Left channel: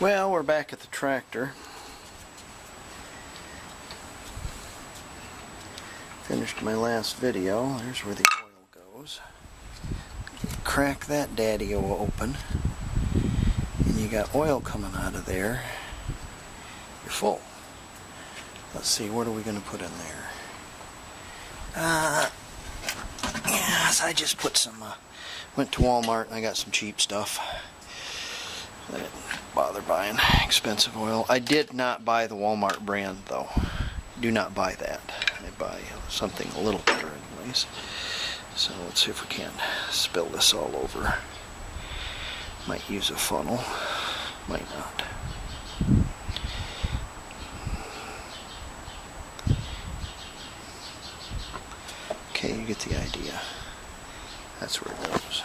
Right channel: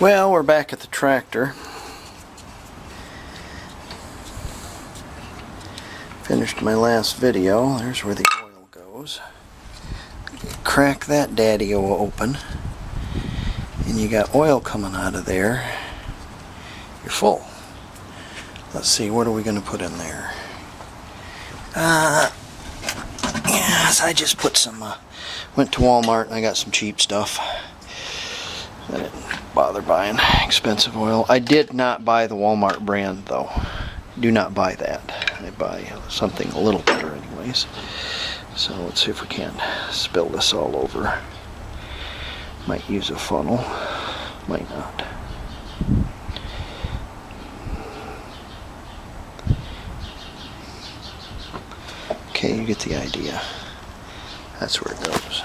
Well, we're back at the tractor. Finished my last video. There's where the oil goes. Crack that daddy-o open, and you got oil coming out of there. You're full. Let's see, what are we going to put in there? Yes, I just put some, went to Walmart and I got some cheap stuff. I didn't bother buying expensive oil. I did not buy the Walmart brand though. Do not buy that. I buy something a little better anyways. So let's see if we can't spill this all over. Might use a funnel. Might not. Okay, you get the idea. That's where it goes.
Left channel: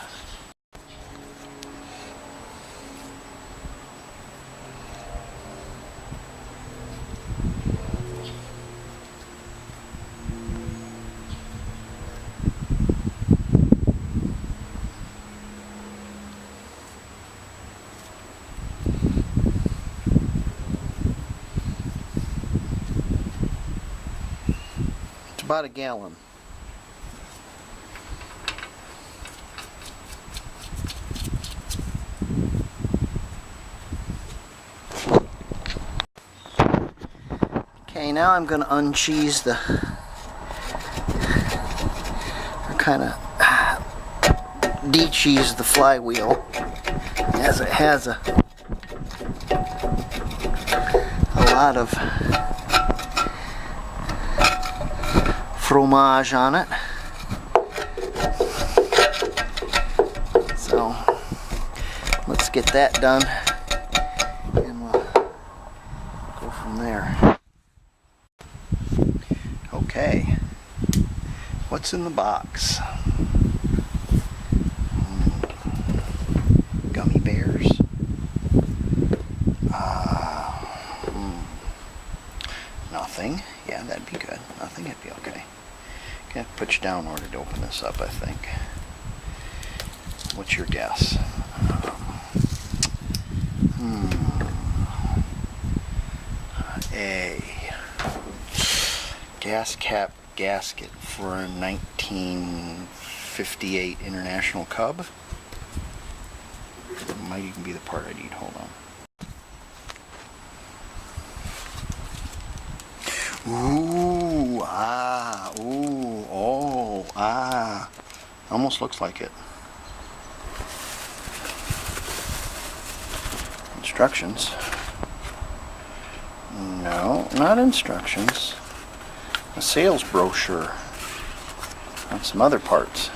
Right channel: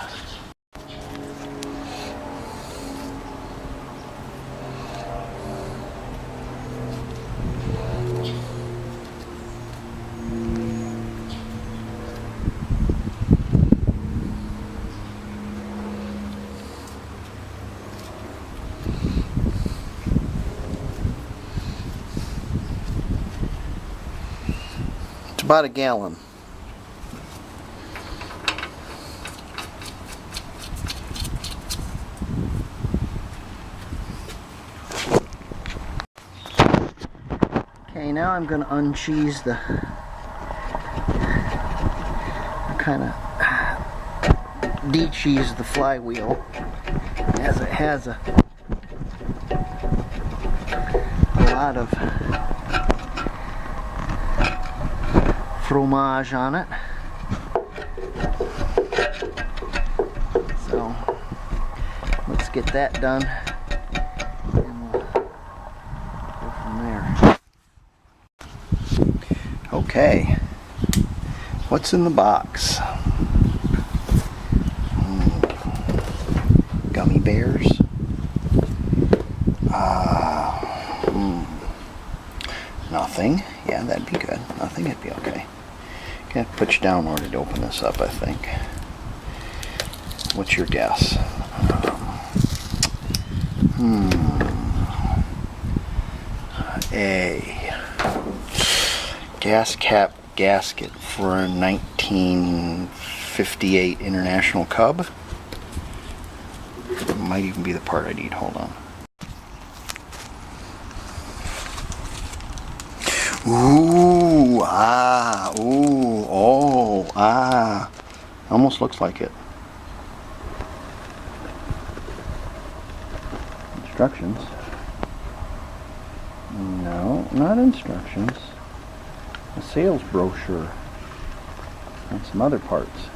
It's about a gallon. Okay, now I'm going to uncheese the, kind of de-cheese the flywheel, as it has a lot of fromage on it. So let's get that done and we'll go from there. Okay, what's in the box? Gummy bears? Nothing. Yeah, that'd be good. Nothing, it'd be okay. Gonna put you down in order to open this up, I think. What's your guess? A gas cap gasket for a 1958 International Cub. It might even be the part I need. Hold on. Ooh, ooh, oh, almost looks like it. Instructions. No, not instructions. A sales brochure on some other parts.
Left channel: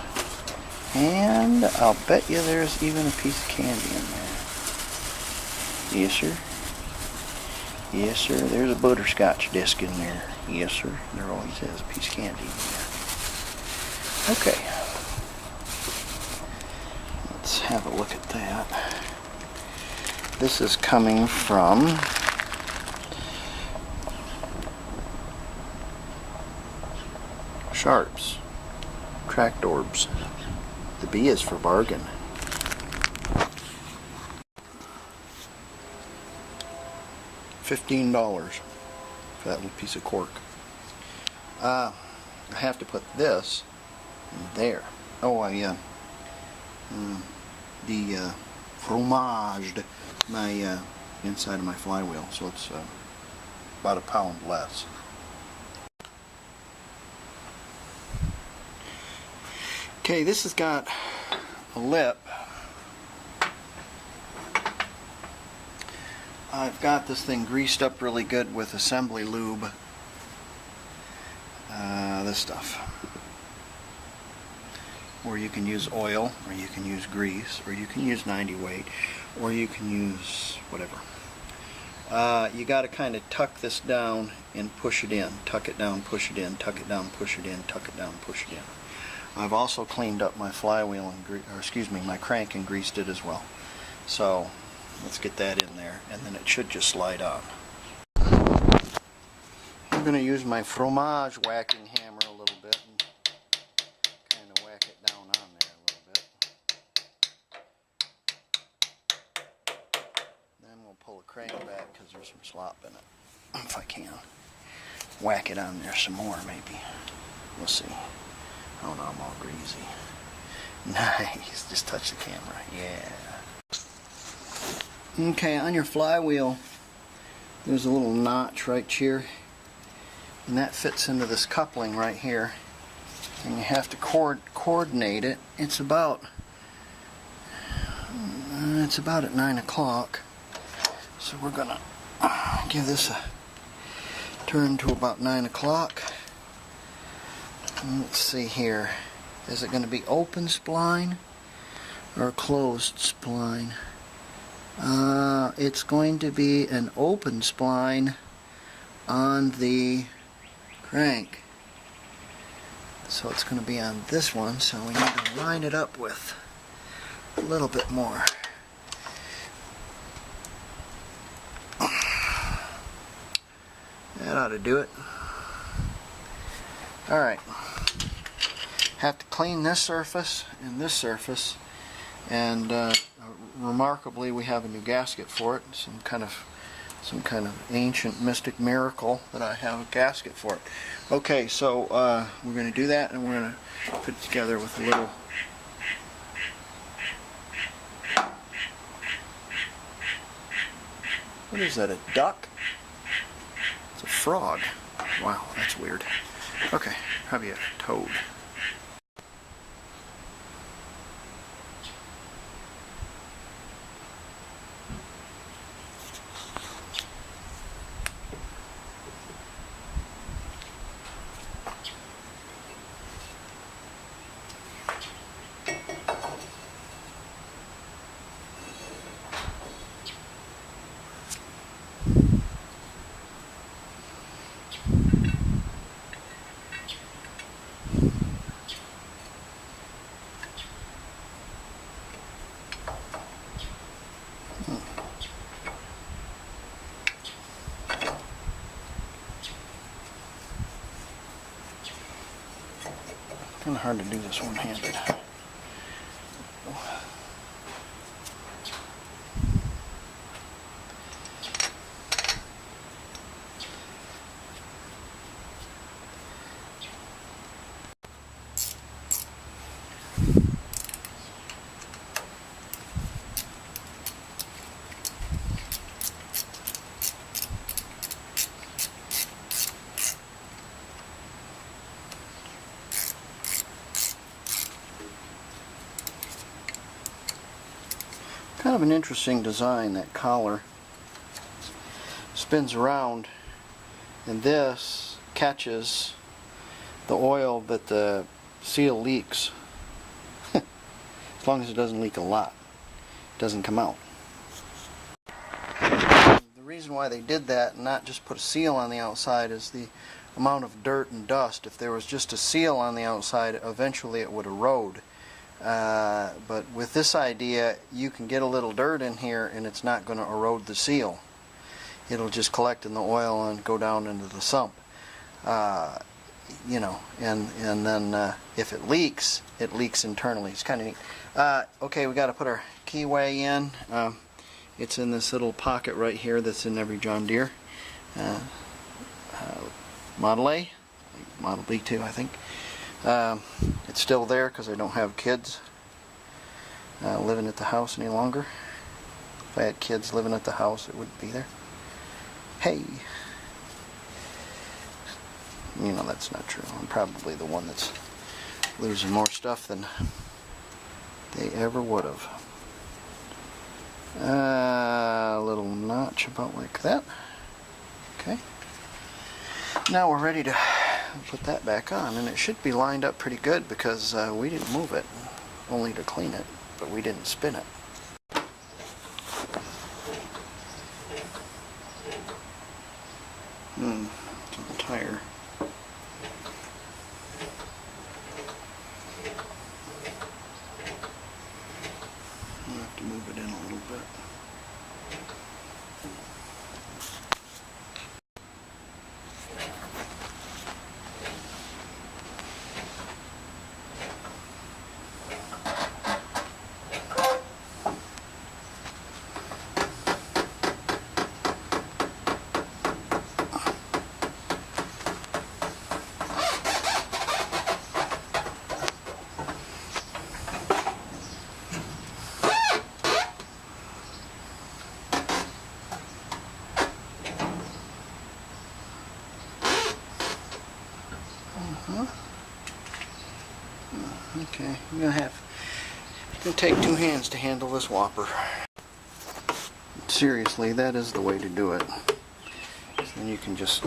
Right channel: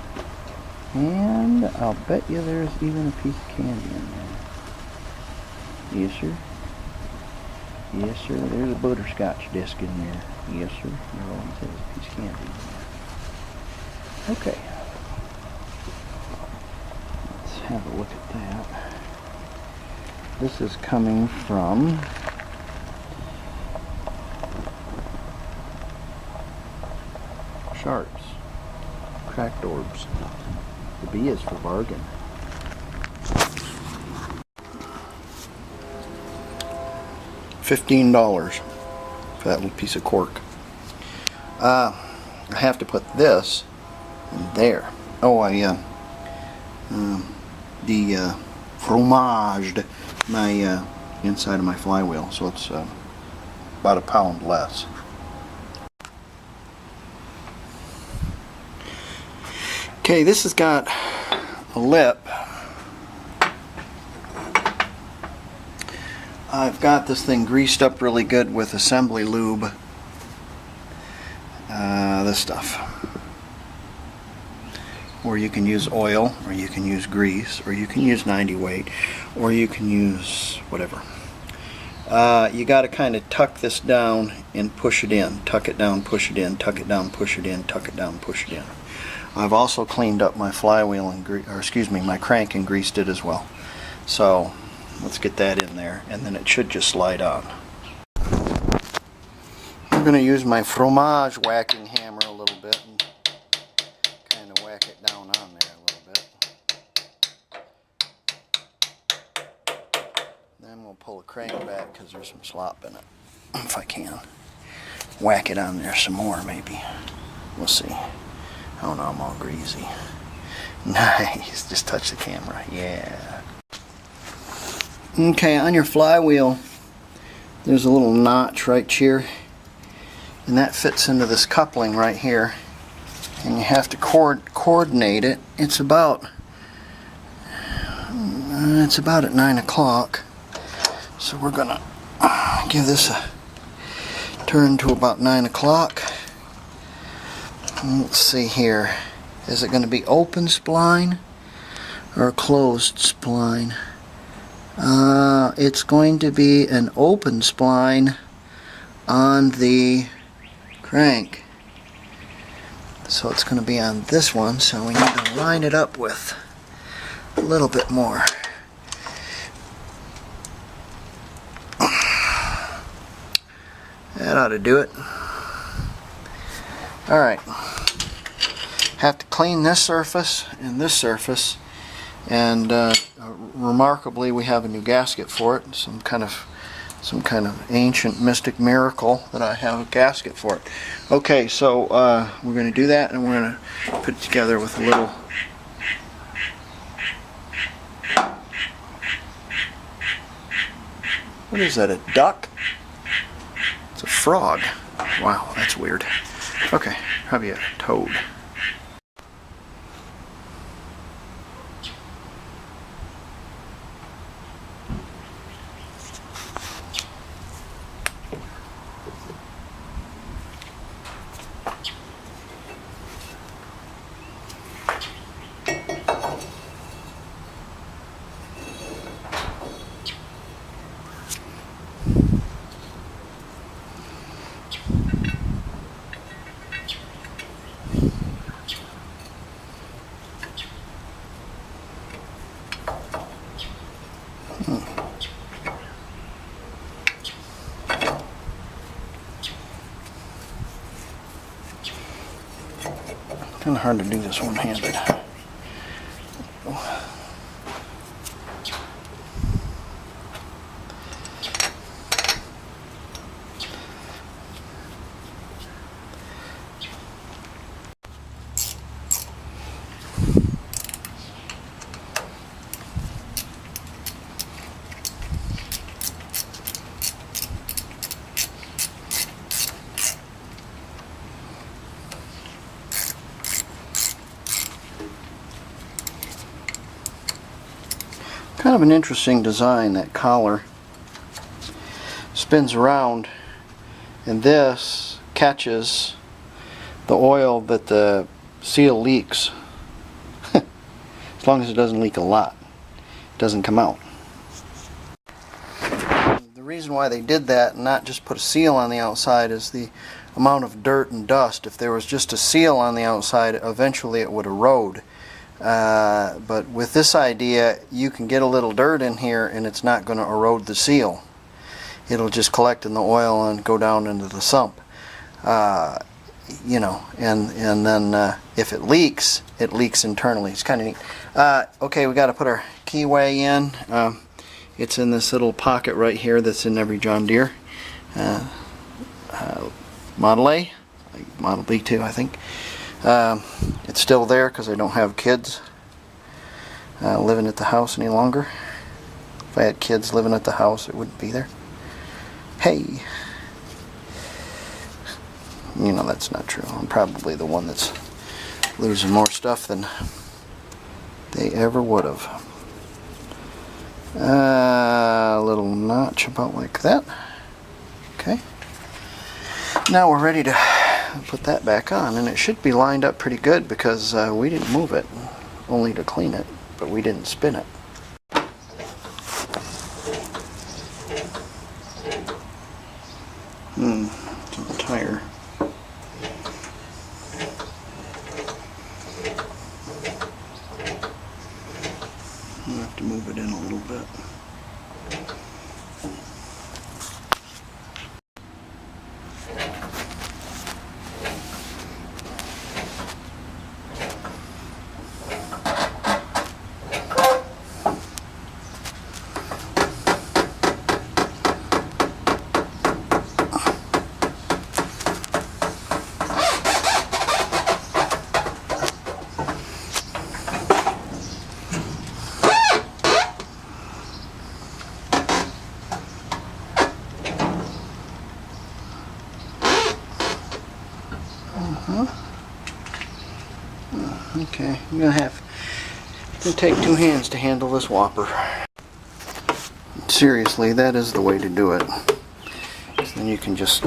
And I'll bet you there's even a piece of candy in there. Yes, sir. Yes, sir. There's a butterscotch disc in there. Yes, sir. There always is a piece of candy in there. Okay. Let's have a look at that. This is coming from Sharps. Tractorbs. The B is for bargain. $15 for that little piece of cork. I have to put this in there. Oh, I fromaged my inside of my flywheel, so it's about a pound less. Okay, this has got a lip. I've got this thing greased up really good with assembly lube. This stuff. Or you can use oil, or you can use grease, or you can use 90 weight, or you can use whatever. You got to kind of tuck this down and push it in. Tuck it down, push it in, tuck it down, push it in, tuck it down, push it in. I've also cleaned up my flywheel and my crank and greased it as well. So let's get that in there, and then it should just slide on. I'm going to use my fromage whacking hammer a little bit and kind of whack it down on there a little bit. Then we'll pull the crank back because there's some slop in it. If I can. Whack it on there some more, maybe. We'll see. Oh no, I'm all greasy. Nice. Just touch the camera. Yeah. Okay, on your flywheel, there's a little notch right here. And that fits into this coupling right here. And you have to coordinate it. It's about at 9 o'clock. So we're gonna give this a turn to about 9 o'clock. Let's see here. Is it going to be open spline or closed spline? It's going to be an open spline on the crank. So it's going to be on this one, so we need to line it up with a little bit more. That ought to do it. Alright. Have to clean this surface and this surface, and remarkably we have a new gasket for it. Some kind of ancient mystic miracle that I have a gasket for it. Okay, so we're going to do that, and we're going to put it together with a little what is that, a duck? It's a frog. Wow, that's weird. Okay, probably a toad. Kind of hard to do this one-handed. Kind of an interesting design, that collar. Spins around, and this catches the oil that the seal leaks. As long as it doesn't leak a lot, it doesn't come out. The reason why they did that and not just put a seal on the outside is the amount of dirt and dust. If there was just a seal on the outside, eventually it would erode. But with this idea, you can get a little dirt in here and it's not going to erode the seal. It'll just collect in the oil and go down into the sump. You know, and then if it leaks internally. It's kind of neat. Okay, we got to put our keyway in. It's in this little pocket right here that's in every John Deere Model A, like Model B too, I think. It's still there because I don't have kids living at the house any longer. If I had kids living at the house, it wouldn't be there. Hey, you know that's not true. I'm probably the one that's losing more stuff than they ever would have. A little notch about like that. Okay. Now we're ready to put that back on, and it should be lined up pretty good because we didn't move it, only to clean it, but we didn't spin it. It's on the tire. I'll have to move it in a little bit. Okay, I'm gonna take two hands to handle this whopper. Seriously, that is the way to do it. So then you can just,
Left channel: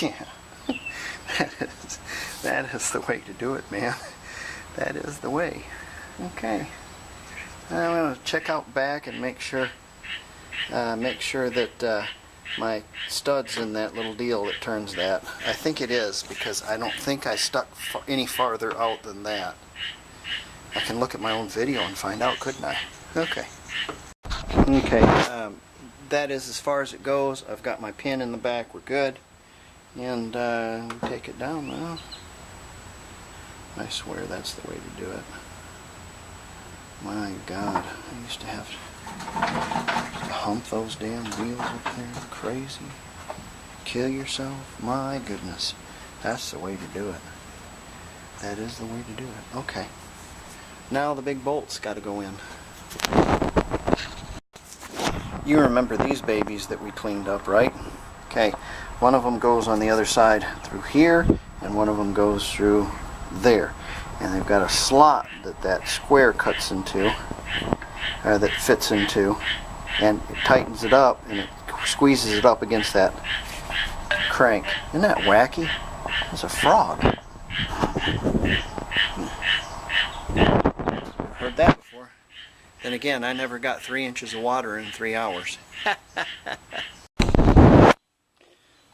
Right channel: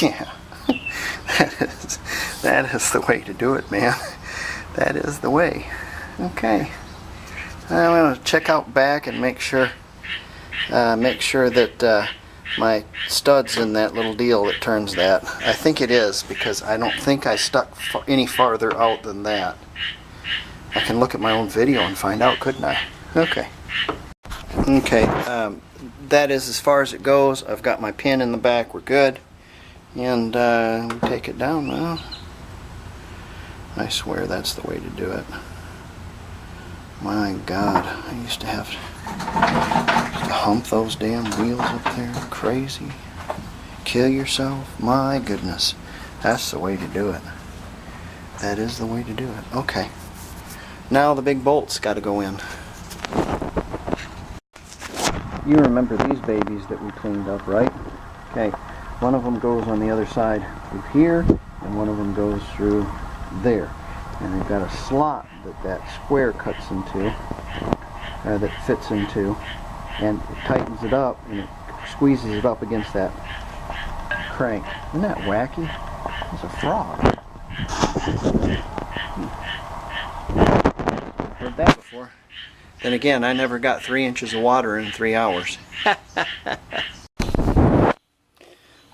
yeah, that is the way to do it, man. That is the way. Okay, I'm gonna check out back and make sure that my stud's in that little deal that turns that. I think it is, because I don't think I stuck any farther out than that. I can look at my own video and find out, couldn't I? Okay. Okay, that is as far as it goes. I've got my pin in the back. We're good. And take it down now. I swear that's the way to do it. My God, I used to have to hump those damn wheels up there. Crazy. Kill yourself. My goodness. That's the way to do it. That is the way to do it. Okay. Now the big bolts got to go in. You remember these babies that we cleaned up, right? Okay. One of them goes on the other side through here, and one of them goes through there. And they've got a slot that square cuts into, that fits into, and it tightens it up, and it squeezes it up against that crank. Isn't that wacky? It's a frog. Heard that before. Then again, I never got 3 inches of water in 3 hours.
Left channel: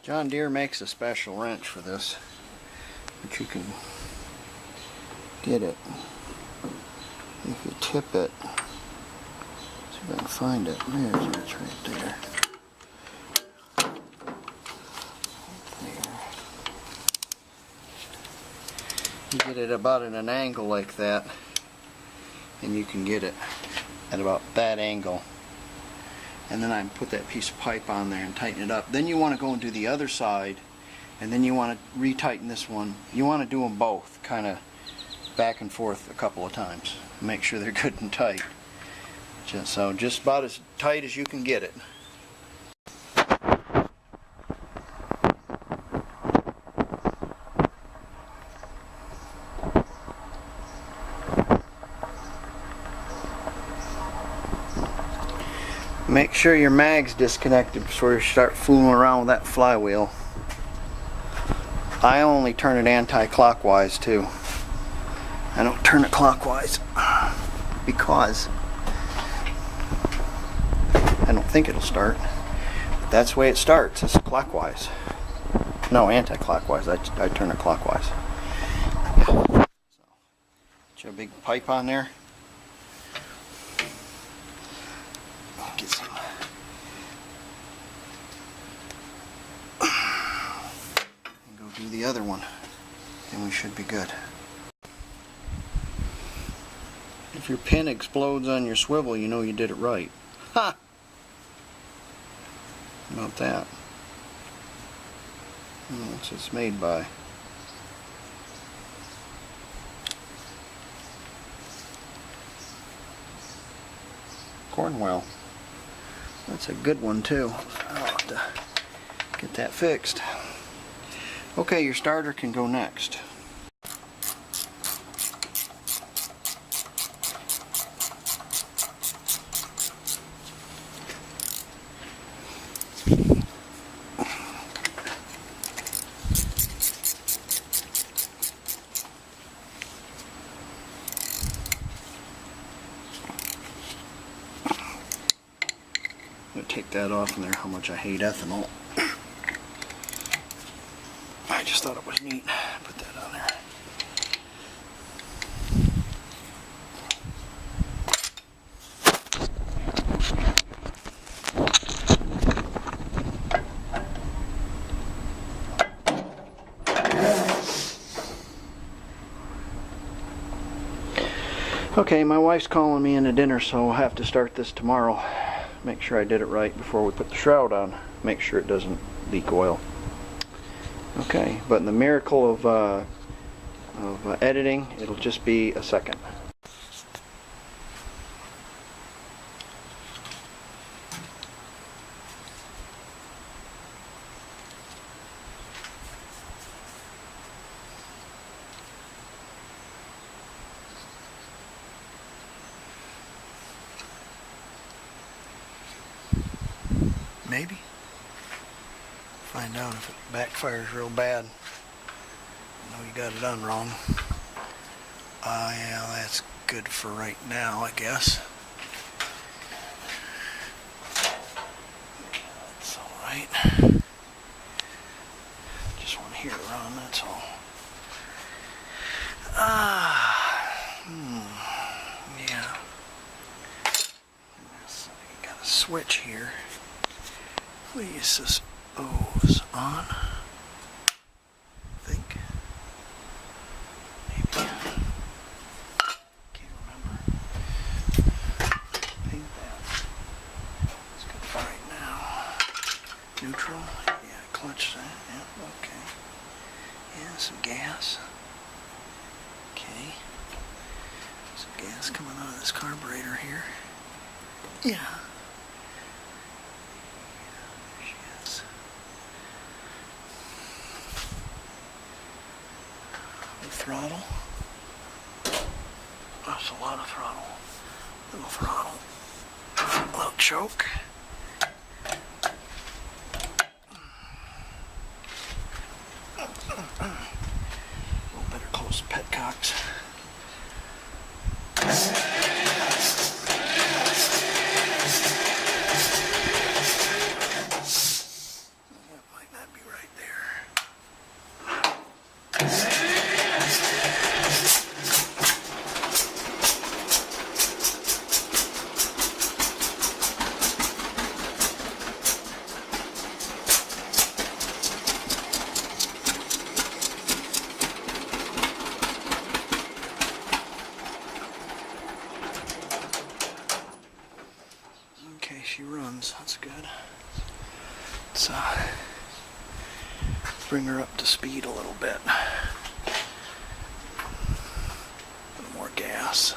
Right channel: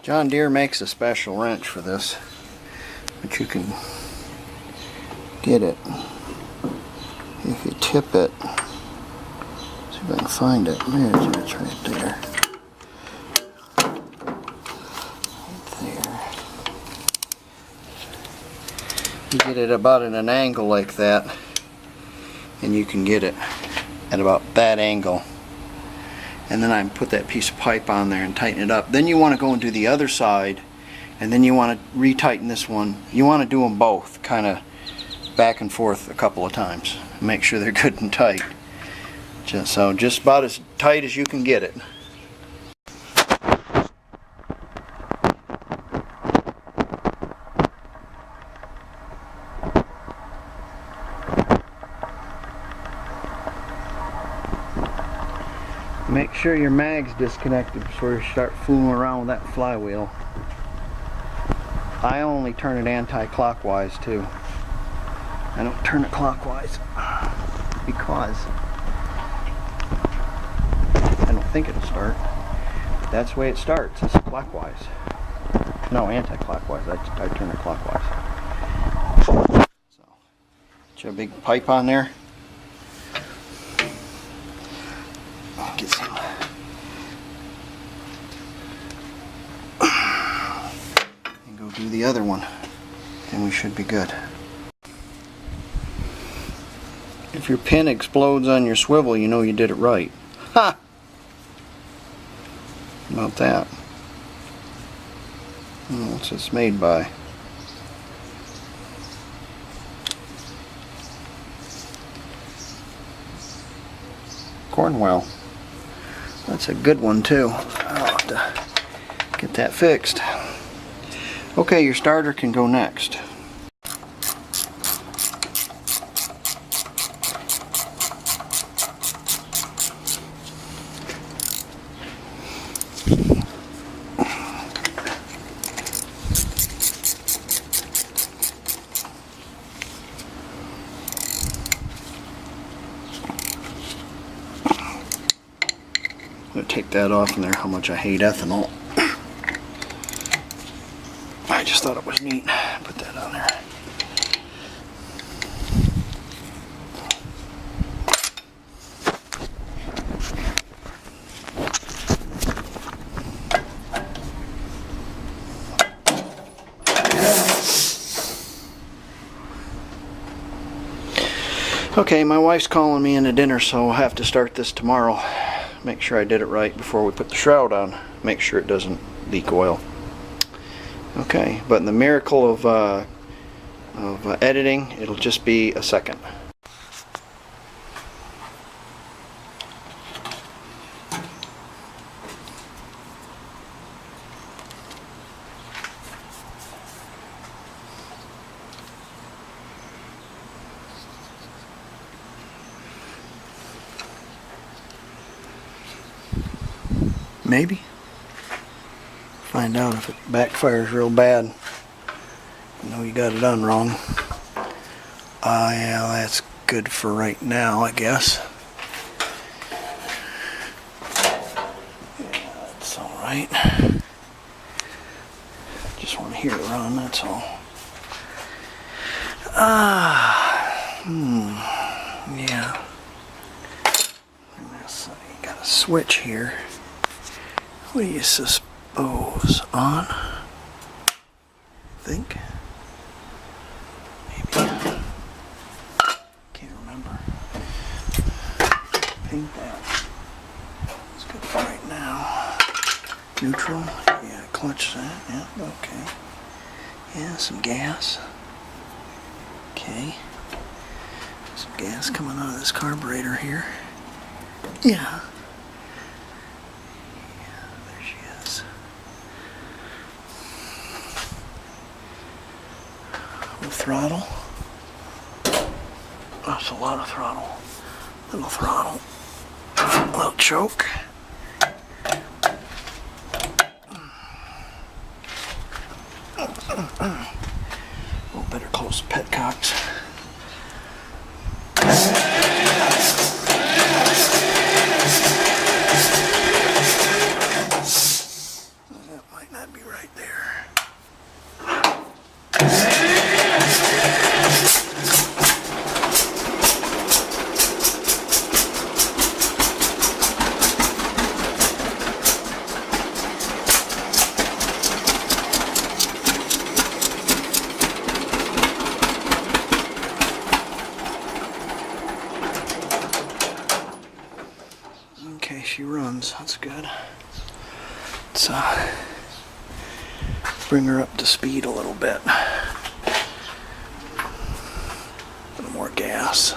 John Deere makes a special wrench for this, but you can get it if you tip it. See if I can find it. There's it. It's right there. Right there. You get it about at an angle like that, and you can get it at about that angle. And then I put that piece of pipe on there and tighten it up. Then you want to go and do the other side, and then you want to retighten this one. You want to do them both, kind of back and forth a couple of times. Make sure they're good and tight. Just about as tight as you can get it. Make sure your mag's disconnected before you start fooling around with that flywheel. I only turn it anti-clockwise too. I don't turn it clockwise because I don't think it'll start. That's the way it starts. It's clockwise. No, anti-clockwise. I turn it clockwise. So, get a big pipe on there. Get some. And go do the other one. Then we should be good. If your pin explodes on your swivel, you know you did it right. Ha! How about that? What's this made by? Cornwell. That's a good one too. I'll have to get that fixed. Okay, your starter can go next. I'm going to take that off in there, how much I hate ethanol. I just thought it was neat. Put that on there. Okay, my wife's calling me into dinner, so I'll have to start this tomorrow. Make sure I did it right before we put the shroud on. Make sure it doesn't leak oil. Okay, but in the miracle of editing, it'll just be a second. Maybe. Find out if it backfires real bad. You know you got it done wrong. Yeah, that's good for right now, I guess. Yeah, that's alright. Just want to hear it run, that's all. Yeah. So you got a switch here. What do you suppose? On? Think? Maybe. Can't remember. Paint that. It's good for right now. Neutral? Yeah, clutch that. Yeah, okay. Yeah, some gas. Okay. Some gas coming out of this carburetor here. Yeah. Yeah, there she is. Little throttle. That's a lot of throttle. Little throttle. Little choke. Oh, better close the petcocks. That might not be right there. Okay, she runs. That's good. Let's bring her up to speed a little bit. A little more gas.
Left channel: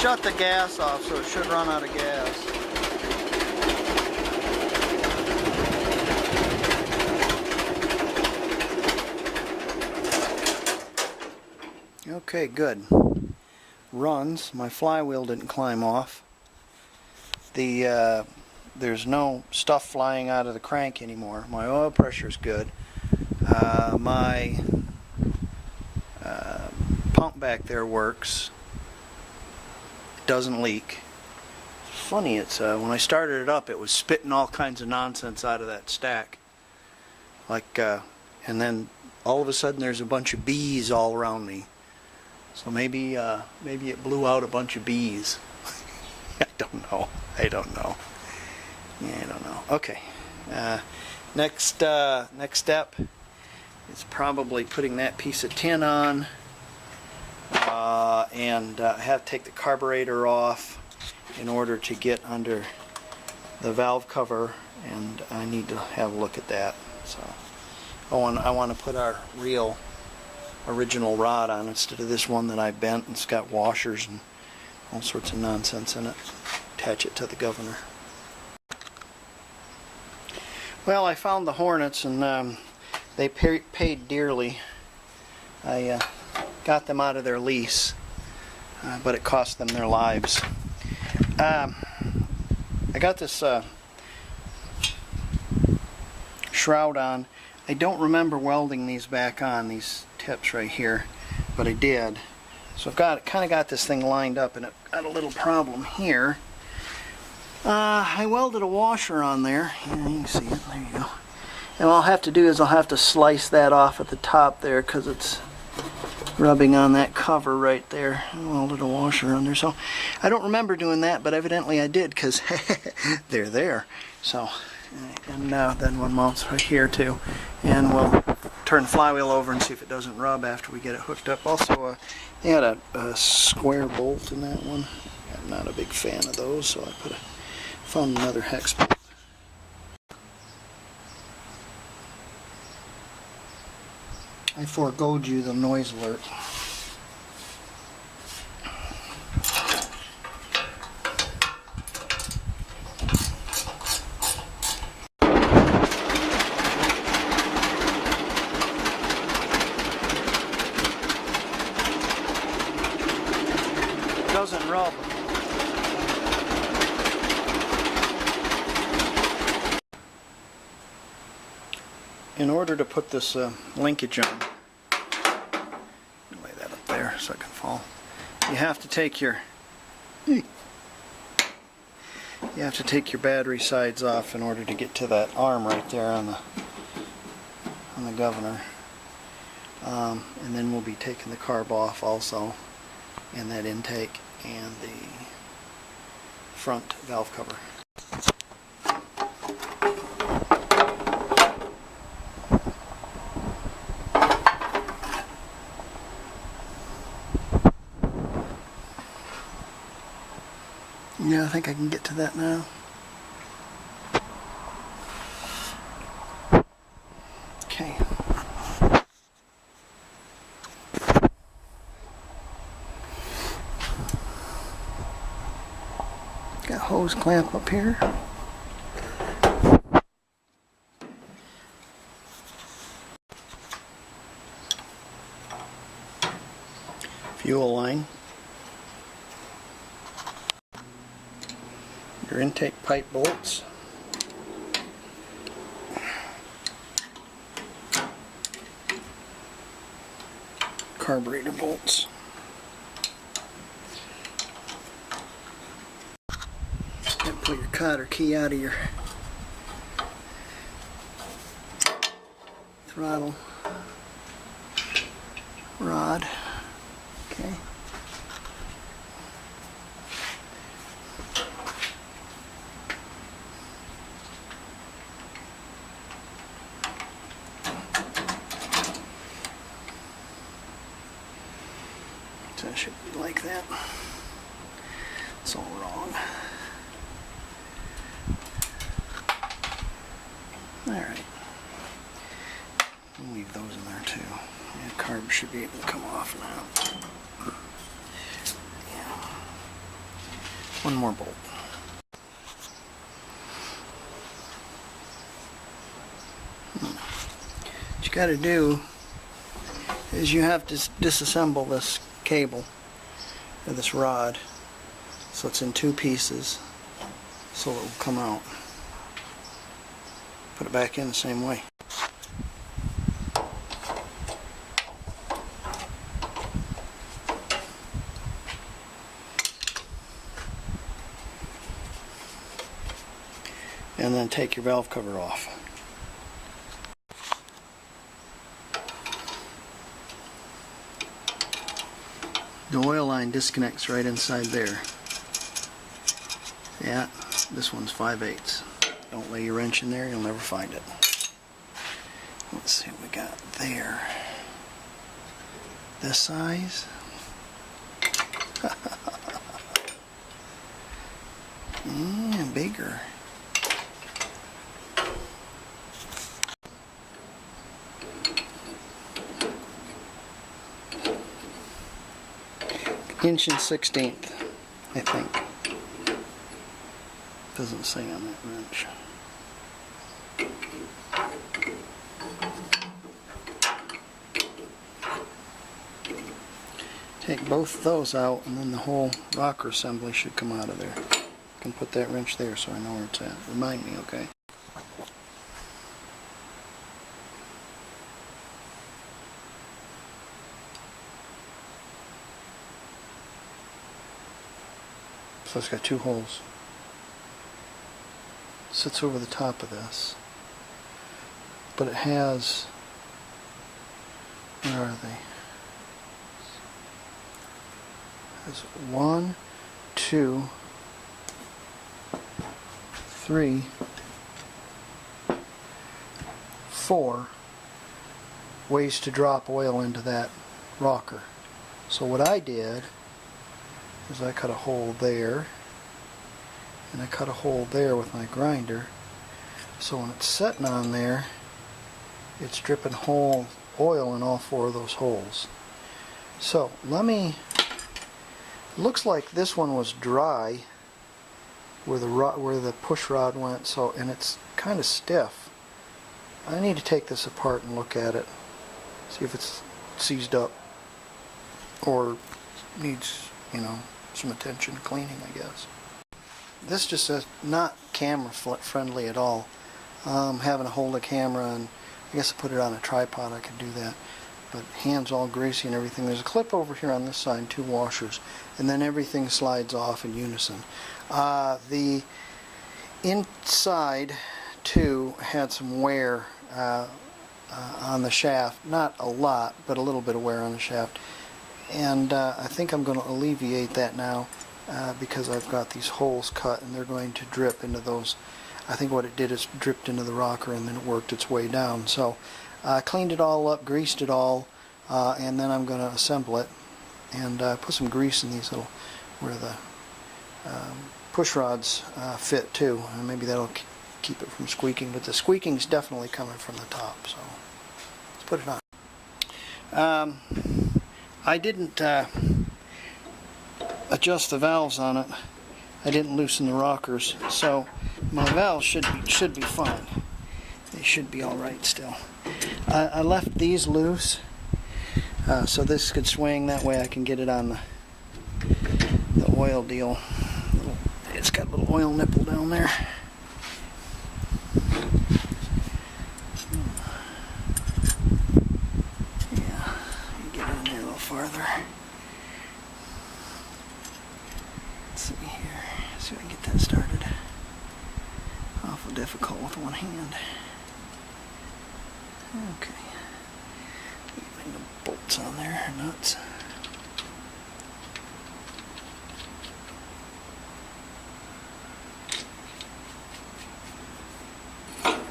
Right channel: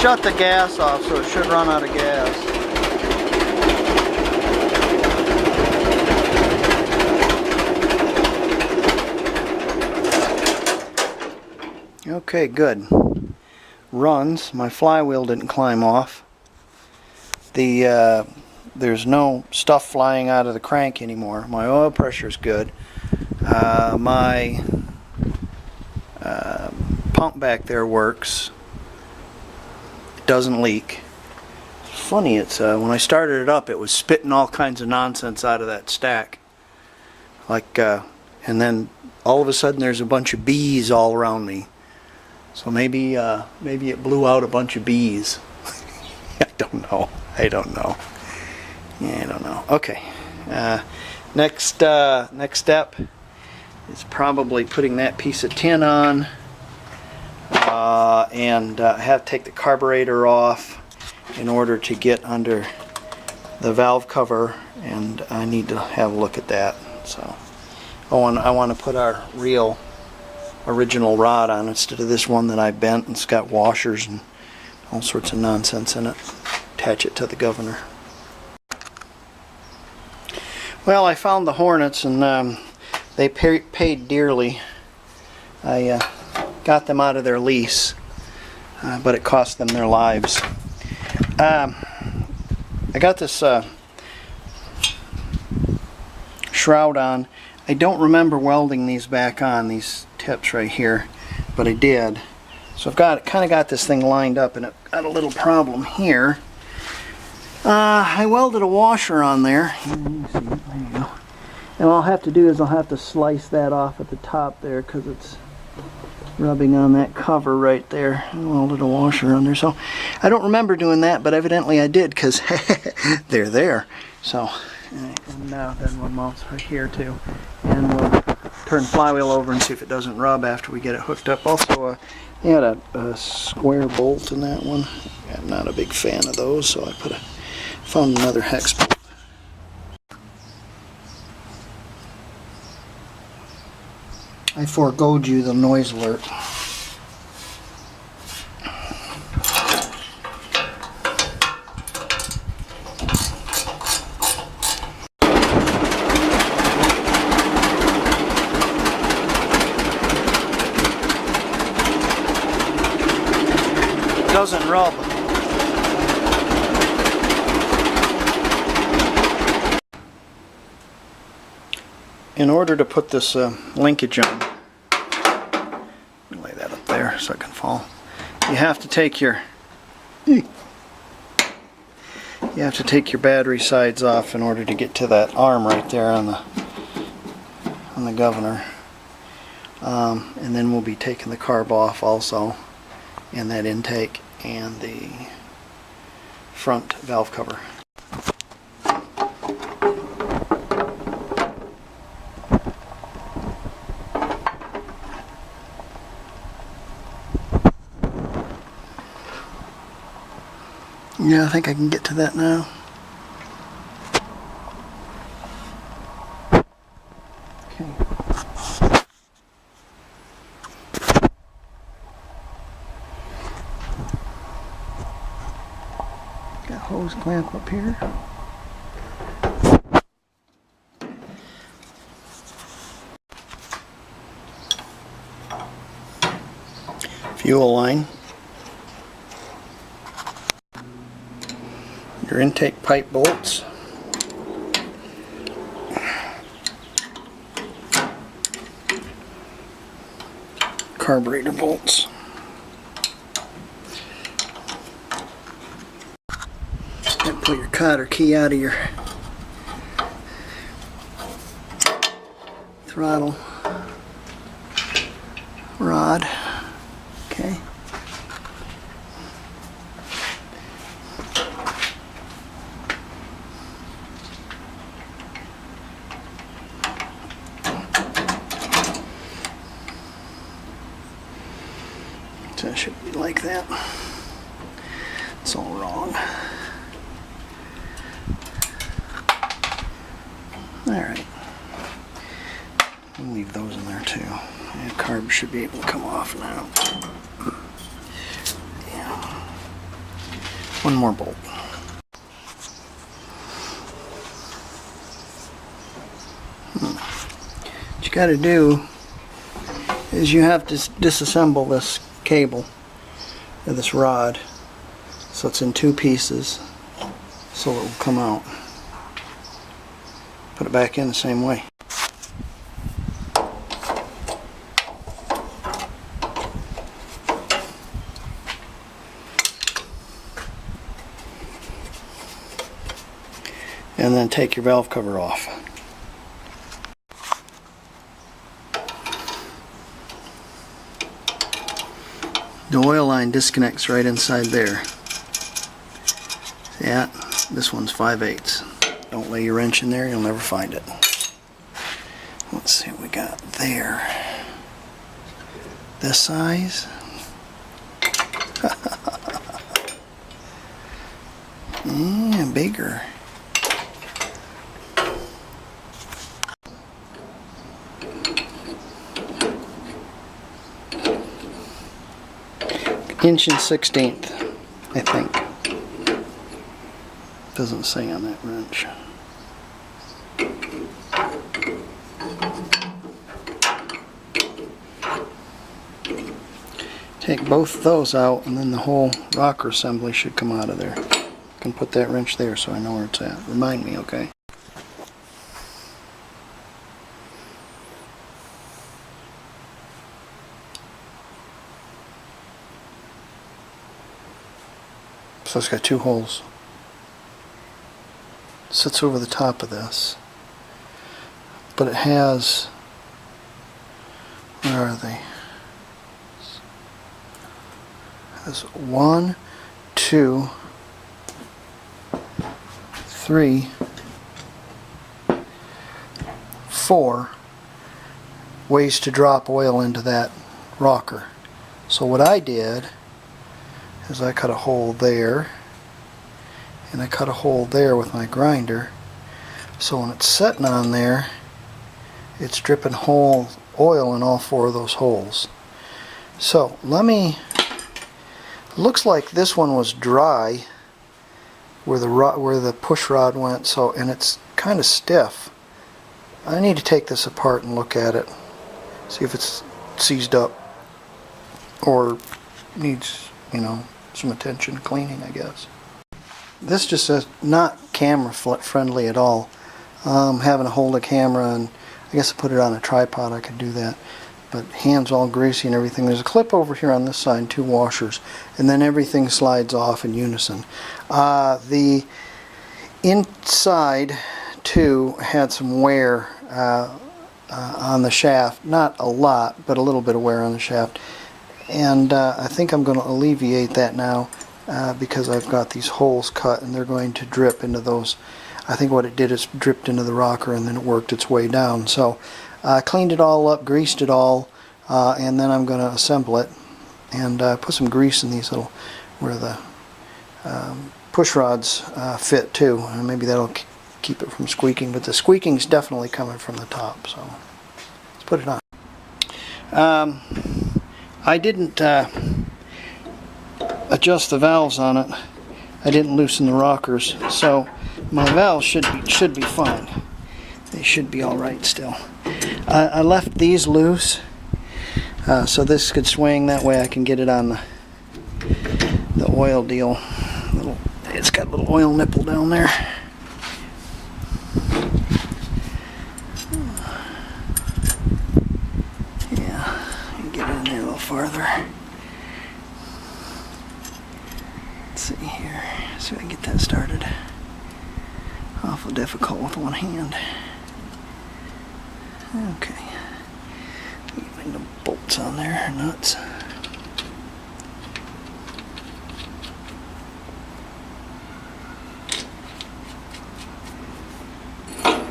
shut the gas off, so it should run out of gas. Okay, good. Runs. My flywheel didn't climb off. There's no stuff flying out of the crank anymore. My oil pressure is good. My pump back there works. It doesn't leak. It's funny, it's when I started it up, it was spitting all kinds of nonsense out of that stack. And then all of a sudden there's a bunch of bees all around me. So maybe it blew out a bunch of bees. I don't know. Yeah, I don't know. Okay. Next step is probably putting that piece of tin on, and have to take the carburetor off in order to get under the valve cover, and I need to have a look at that. So I want to put our real original rod on instead of this one that I bent, and it's got washers and all sorts of nonsense in it. Attach it to the governor. Well, I found the Hornets, and they paid dearly. I got them out of their lease, but it cost them their lives. I got this shroud on. I don't remember welding these back on, these tips right here, but I did. So I've kind of got this thing lined up, and I've got a little problem here. I welded a washer on there. You can see it. There you go. And what I'll have to do is I'll have to slice that off at the top there, because it's rubbing on that cover right there. I welded a washer on there. So I don't remember doing that, but evidently I did, because they're there. So, and then one mounts right here too. And we'll turn the flywheel over and see if it doesn't rub after we get it hooked up. Also, they had a square bolt in that one. I'm not a big fan of those, so I found another hex bolt. I foregoed you the noise alert. Doesn't rub. In order to put this linkage on, let me lay that up there so it can fall. You have to take your battery sides off in order to get to that arm right there on the governor. And then we'll be taking the carb off also, and that intake and the front valve cover. Yeah, I think I can get to that now. Okay. Got a hose clamp up here. Fuel line. Your intake pipe bolts. Carburetor bolts. And pull your cotter key out of your throttle rod. Okay. So it should be like that. It's all wrong. Alright. We'll leave those in there too. And carb should be able to come off now. Yeah. One more bolt. What you got to do is you have to disassemble this cable, or this rod, so it's in two pieces, so it will come out. Put it back in the same way. And then take your valve cover off. The oil line disconnects right inside there. Yeah, this one's 5/8. Don't lay your wrench in there, you'll never find it. Let's see what we got there. This size. Yeah, bigger. Inch and 1/16, I think. Doesn't say on that wrench. Take both of those out, and then the whole rocker assembly should come out of there. I can put that wrench there so I know where it's at. Remind me, okay? So it's got two holes. Sits over the top of this. But it has, where are they? It has 1, 2, 3, 4 ways to drop oil into that rocker. So what I did is I cut a hole there, and I cut a hole there with my grinder, so when it's sitting on there, it's dripping whole oil in all 4 of those holes. So looks like this one was dry where the push rod went, so, and it's kind of stiff. I need to take this apart and look at it, see if it's seized up or needs, some attention cleaning, I guess. This just says not camera friendly at all. Having to hold a camera, and I guess I put it on a tripod, I could do that. But hands all greasy and everything. There's a clip over here on this side, 2 washers, and then everything slides off in unison. The inside too had some wear on the shaft. Not a lot, but a little bit of wear on the shaft. And I think I'm going to alleviate that now because I've got these holes cut, and they're going to drip into those. I think what it did is dripped into the rocker, and then it worked its way down. So I cleaned it all up, greased it all, and then I'm going to assemble it and put some grease in these little, where the push rods fit too. And maybe that'll keep it from squeaking, but the squeaking's definitely coming from the top. So let's put it on. I didn't adjust the valves on it. I didn't loosen the rockers, so my valves should be fine. They should be all right still. I left these loose so this could swing. That way I can get it on the oil deal. It's got a little oil nipple down there. Yeah, get it in there a little farther. Let's see here. See if I can get that started. Awful difficult with one hand. Okay. Get the bolts on there, nuts.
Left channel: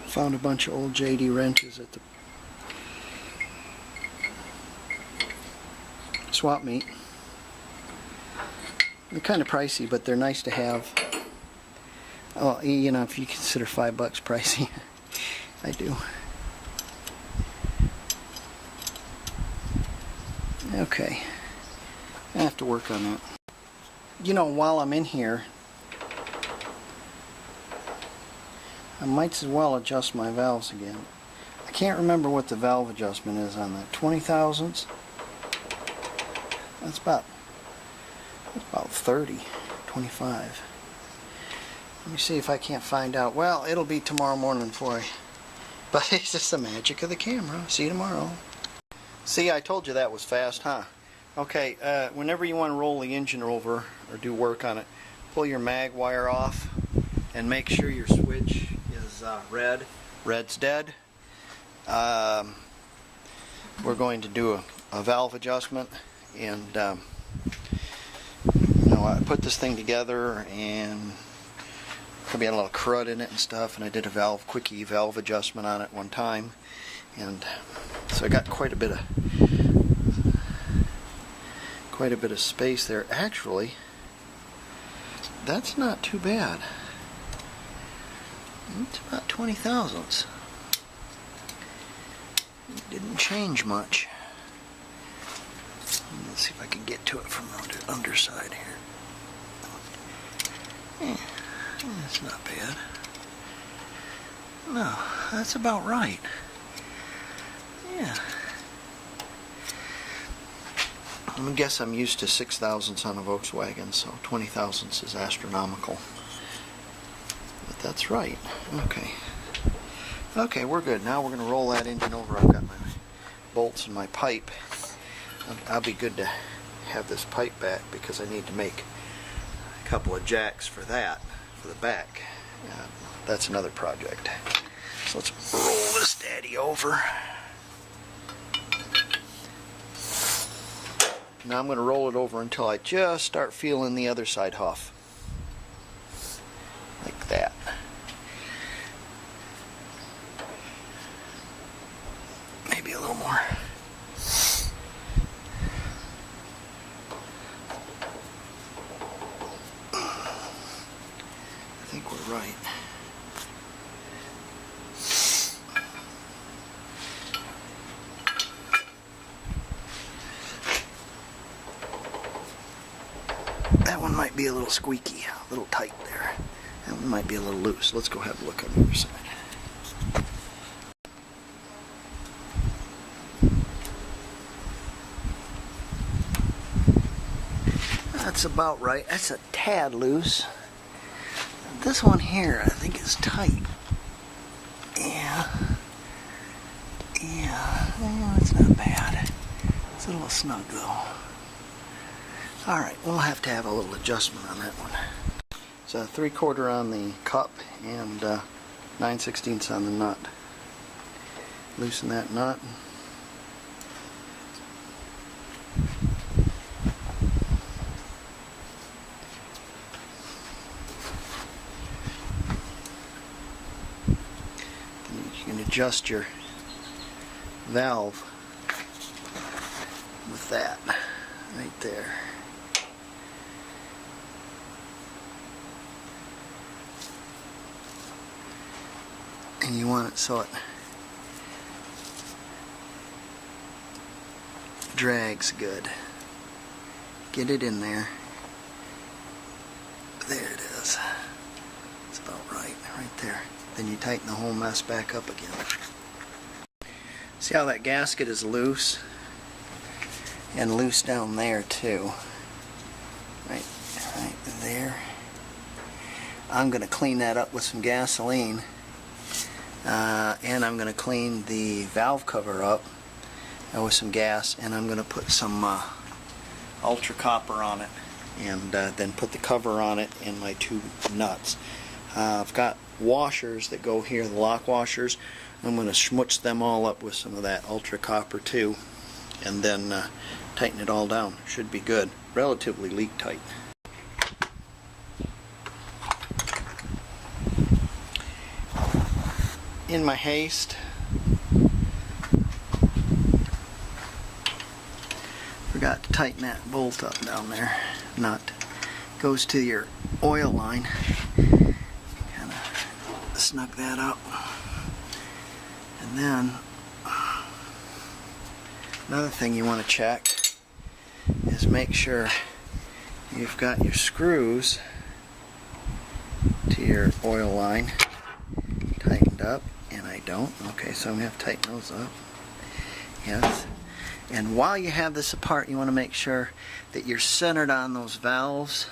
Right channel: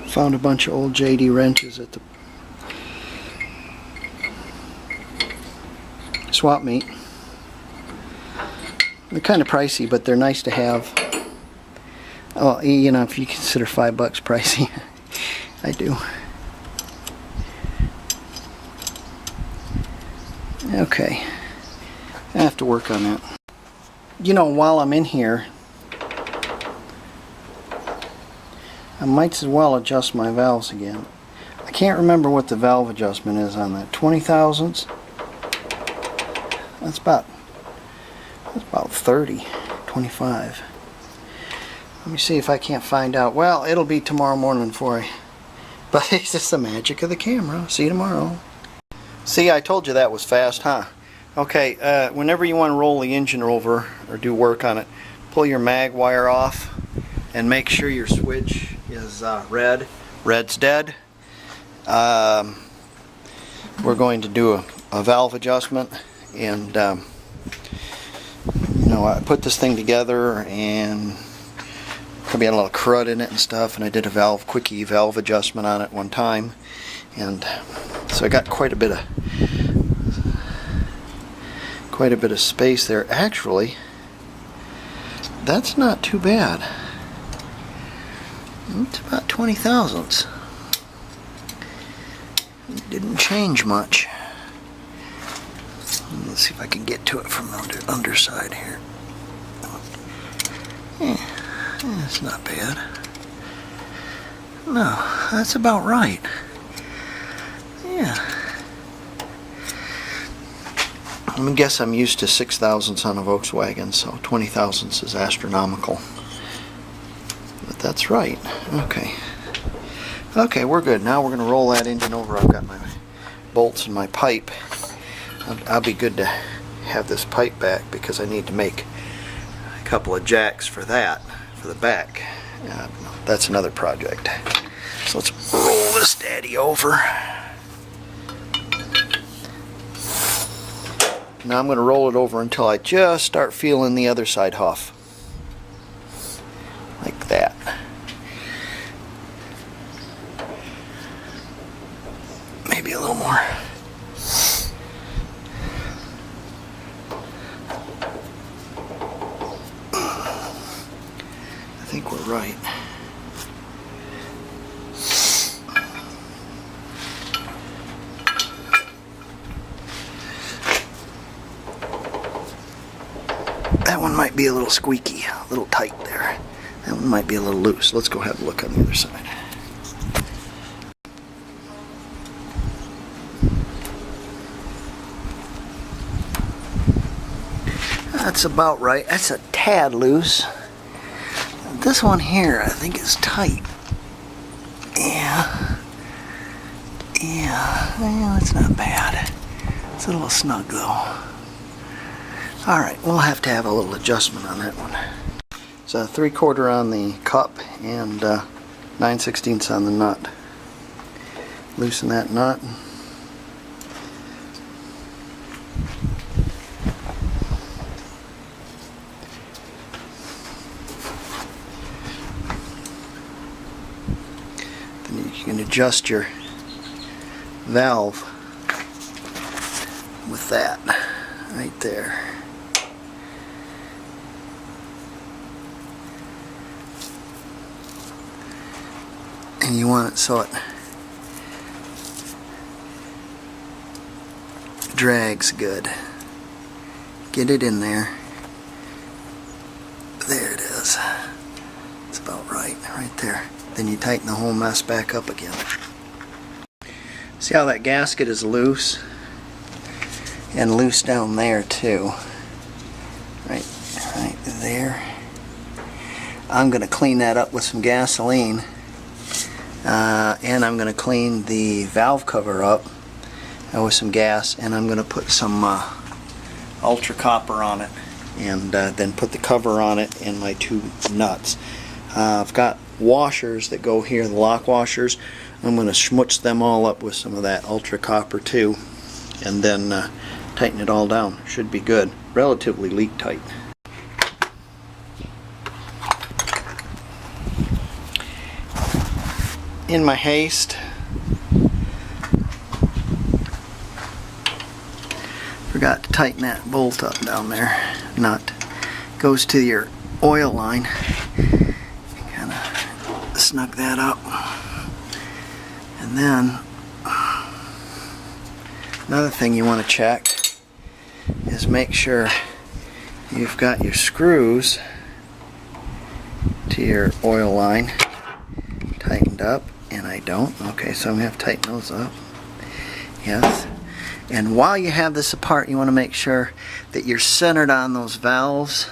Found a bunch of old JD wrenches at the swap meet. They're kind of pricey, but they're nice to have. Oh, if you consider $5 pricey, I do. Okay, I have to work on that. While I'm in here, I might as well adjust my valves again. I can't remember what the valve adjustment is on that. 20 thousandths? That's about 30, 25. Let me see if I can't find out. Well, it'll be tomorrow morning for you. But it's just the magic of the camera. See you tomorrow. See, I told you that was fast, huh? Okay, whenever you want to roll the engine over or do work on it, pull your mag wire off and make sure your switch is red. Red's dead. We're going to do a valve adjustment, and you know, I put this thing together and probably had a lot of crud in it and stuff, and I did a quickie valve adjustment on it one time, and so I got quite a bit of space there. Actually, that's not too bad. It's about 20 thousandths. It didn't change much. Let's see if I can get to it from the underside here. Yeah, it's not bad. No, that's about right. Yeah. I guess I'm used to 6 thousandths on a Volkswagen, so 20 thousandths is astronomical. But that's right. Okay. Okay, we're good. Now we're going to roll that engine over. I've got my bolts and my pipe. I'll be good to have this pipe back because I need to make a couple of jacks for that, for the back. That's another project. So let's roll this daddy over. Now I'm going to roll it over until I just start feeling the other side huff. Like that. Maybe a little more. I think we're right. That one might be a little squeaky, a little tight there. That one might be a little loose. Let's go have a look on the other side. That's about right. That's a tad loose. This one here, I think, is tight. Yeah, that's not bad. It's a little snug though. Alright, we'll have to have a little adjustment on that one. It's a 3/4 on the cup and 9/16 on the nut. Loosen that nut. Then you can adjust your valve with that right there. And you want it so it drags good. Get it in there. There it is. It's about right there. Then you tighten the whole mess back up again. See how that gasket is loose? And loose down there too. Right there. I'm going to clean that up with some gasoline. And I'm going to clean the valve cover up with some gas, and I'm going to put some ultra copper on it, and then put the cover on it and my two nuts. I've got washers that go here, the lock washers. I'm going to schmutz them all up with some of that ultra copper too, and then tighten it all down. Should be good. Relatively leak tight. In my haste, forgot to tighten that bolt up down there. Nut goes to your oil line. Kind of snug that up. And then another thing you want to check is make sure you've got your screws to your oil line tightened up, and I don't. Okay, so I'm going to have to tighten those up. Yes. And while you have this apart, you want to make sure that you're centered on those valves.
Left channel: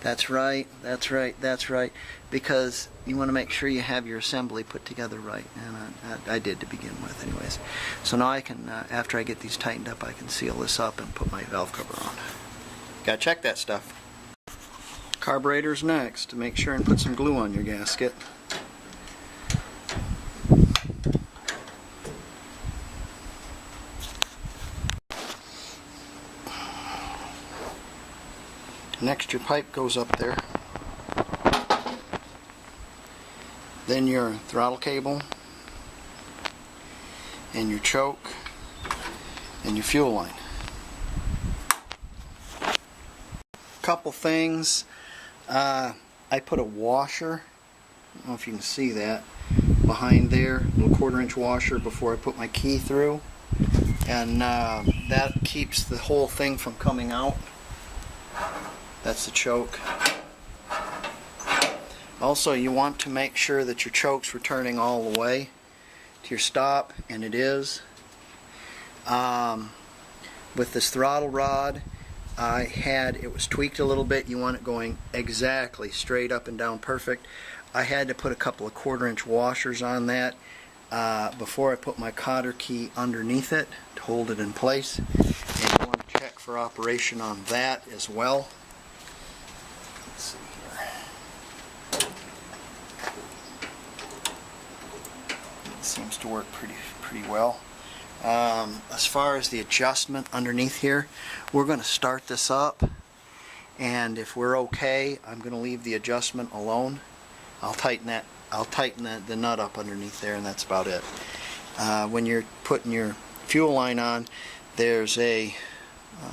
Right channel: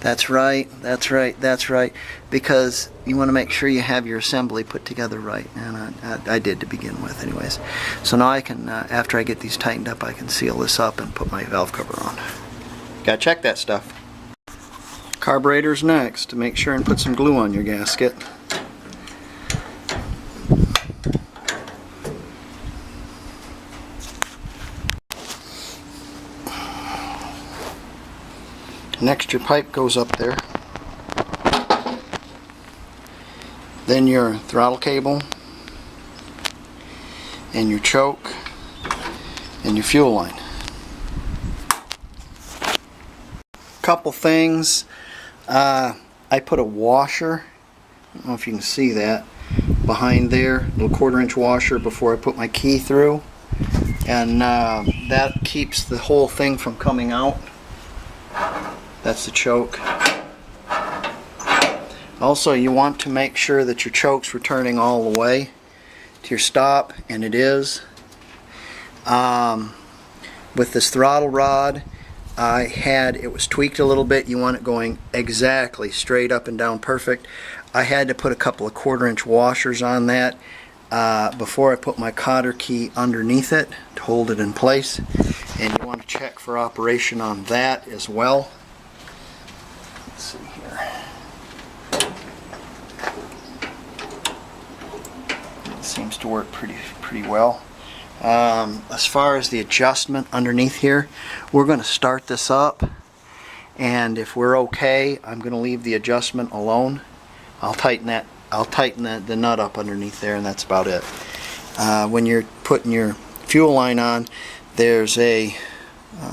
That's right, that's right, that's right. Because you want to make sure you have your assembly put together right. And I did to begin with anyways. So now I can, after I get these tightened up, I can seal this up and put my valve cover on. Gotta check that stuff. Carburetor's next. Make sure and put some glue on your gasket. Next, your pipe goes up there. Then your throttle cable, and your choke, and your fuel line. Couple things. I put a washer, I don't know if you can see that, behind there, a little 1/4-inch washer before I put my key through. And that keeps the whole thing from coming out. That's the choke. Also, you want to make sure that your choke's returning all the way to your stop, and it is. With this throttle rod, it was tweaked a little bit. You want it going exactly straight up and down perfect. I had to put a couple of 1/4-inch washers on that before I put my cotter key underneath it to hold it in place. And you want to check for operation on that as well. Let's see here. It seems to work pretty well. As far as the adjustment underneath here, we're going to start this up, and if we're okay, I'm going to leave the adjustment alone. I'll tighten the nut up underneath there, and that's about it. When you're putting your fuel line on, there's a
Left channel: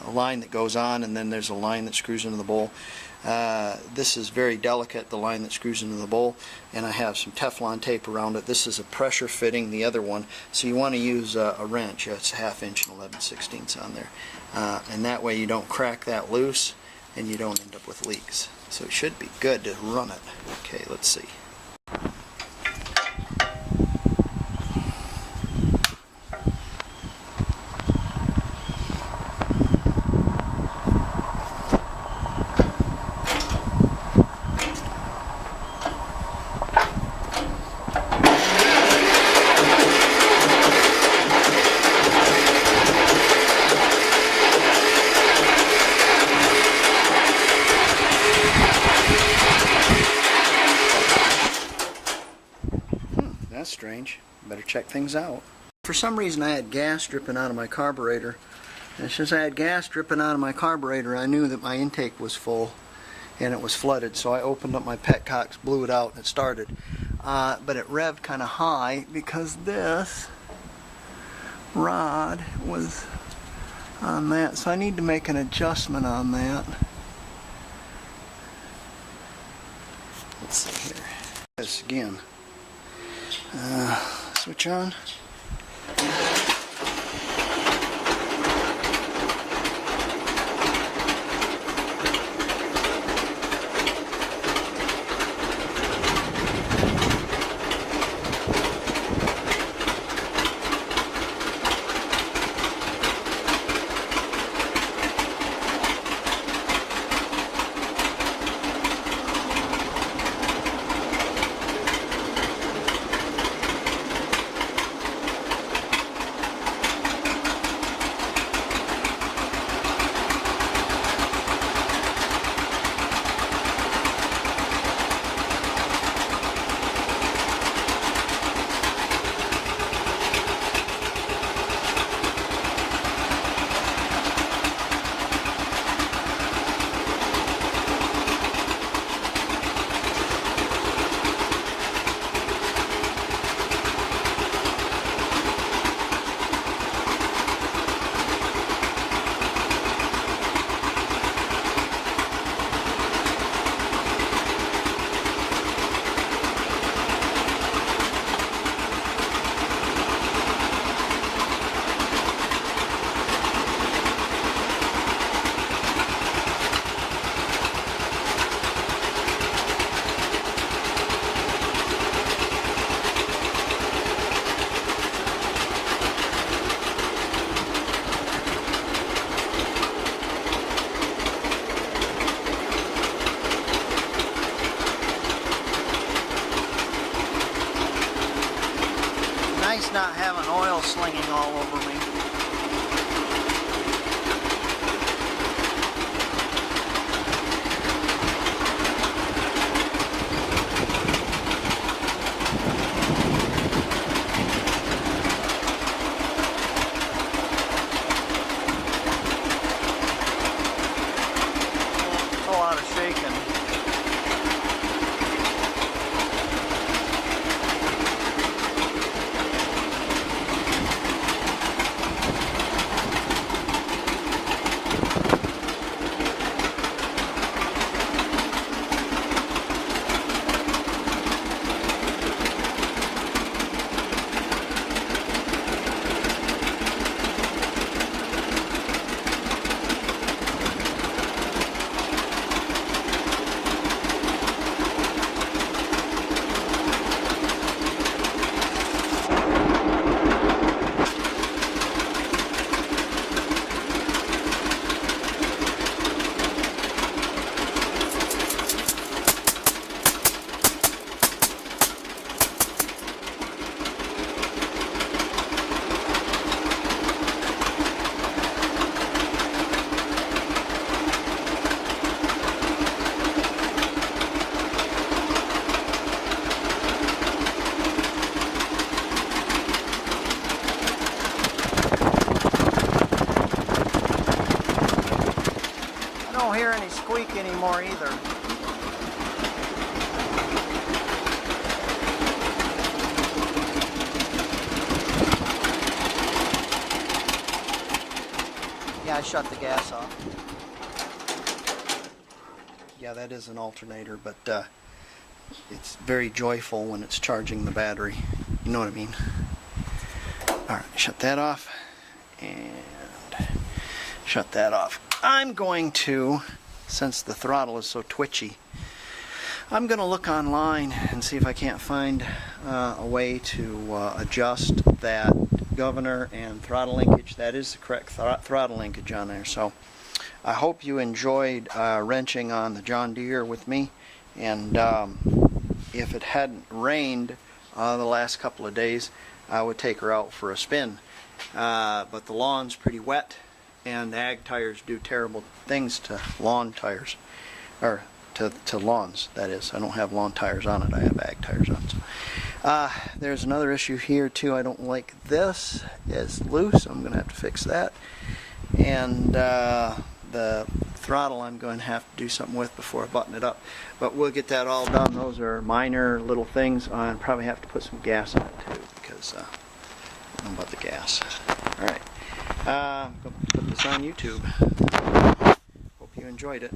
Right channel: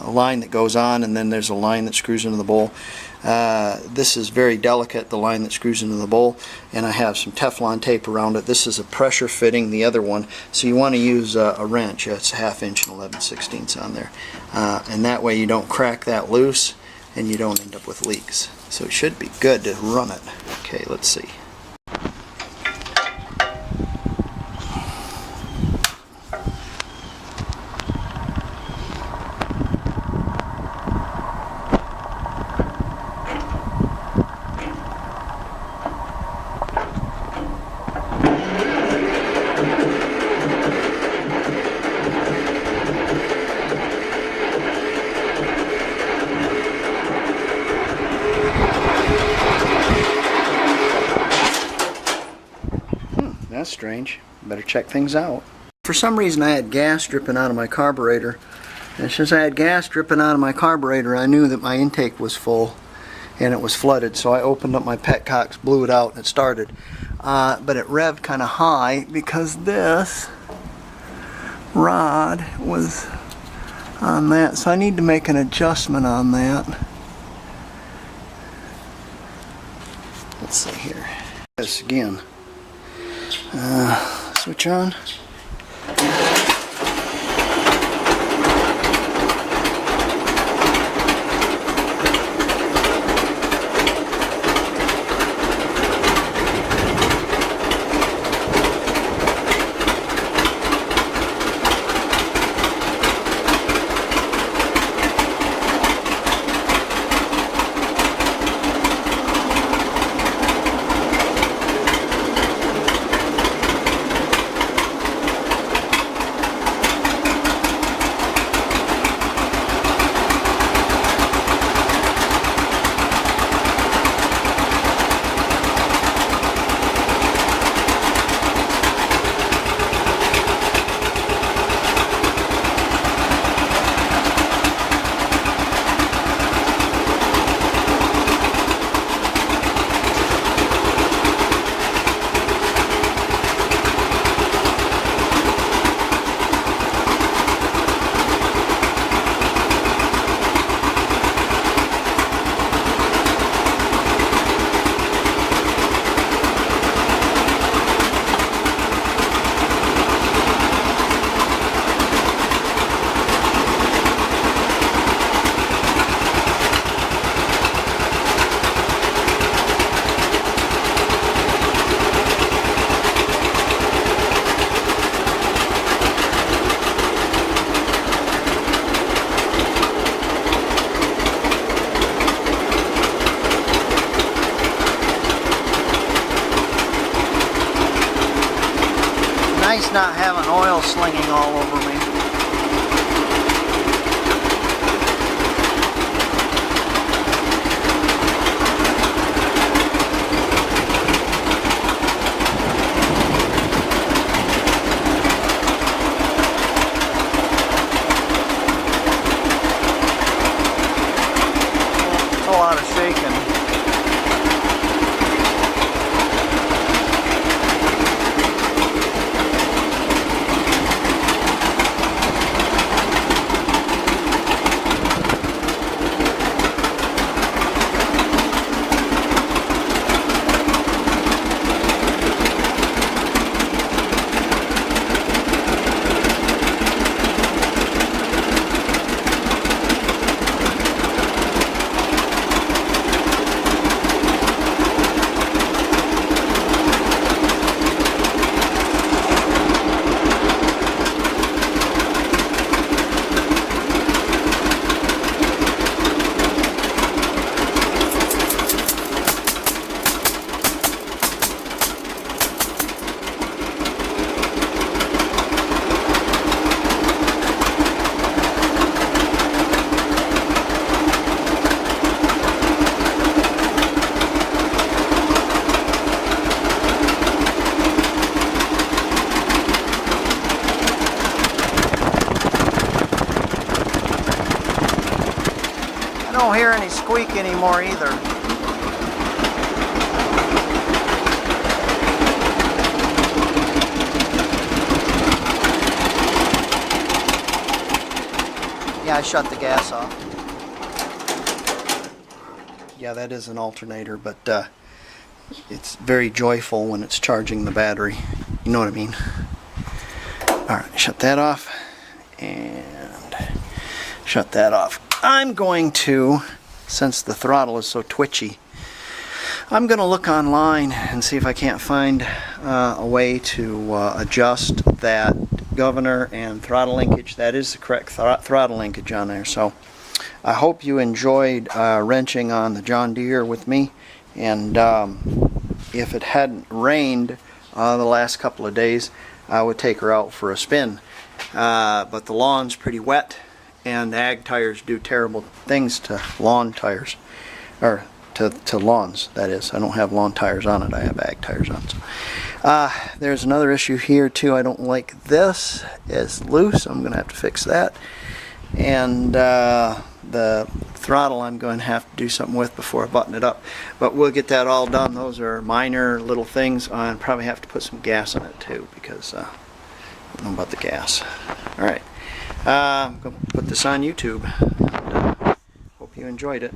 line that goes on, and then there's a line that screws into the bowl. This is very delicate, the line that screws into the bowl, and I have some Teflon tape around it. This is a pressure fitting, the other one, so you want to use a wrench. It's a 1/2 inch and 11/16 on there, and that way you don't crack that loose and you don't end up with leaks. So it should be good to run it. Okay, let's see. That's strange. Better check things out. For some reason I had gas dripping out of my carburetor. And since I had gas dripping out of my carburetor, I knew that my intake was full and it was flooded. So I opened up my petcox, blew it out, and it started. But it revved kind of high because this rod was on that. So I need to make an adjustment on that. Let's see here. This again. Switch on. flinging all over me. A lot of shaking. I don't hear any squeak anymore either. Yeah, I shut the gas off. Yeah, that is an alternator, but it's very joyful when it's charging the battery. You know what I mean? Alright, shut that off and shut that off. I'm going to, since the throttle is so twitchy, I'm going to look online and see if I can't find a way to adjust that governor and throttle linkage. That is the correct throttle linkage on there. So I hope you enjoyed wrenching on the John Deere with me. And if it hadn't rained the last couple of days, I would take her out for a spin. But the lawn's pretty wet, and ag tires do terrible things to lawn tires, or to lawns, that is. I don't have lawn tires on it, I have ag tires on it. So. There's another issue here too. I don't like this. It's loose. I'm going to have to fix that. And the throttle I'm going to have to do something with before I button it up. But we'll get that all done. Those are minor little things. I'll probably have to put some gas in it too, because I don't know about the gas. Alright. I'm going to put this on YouTube. And, hope you enjoyed it.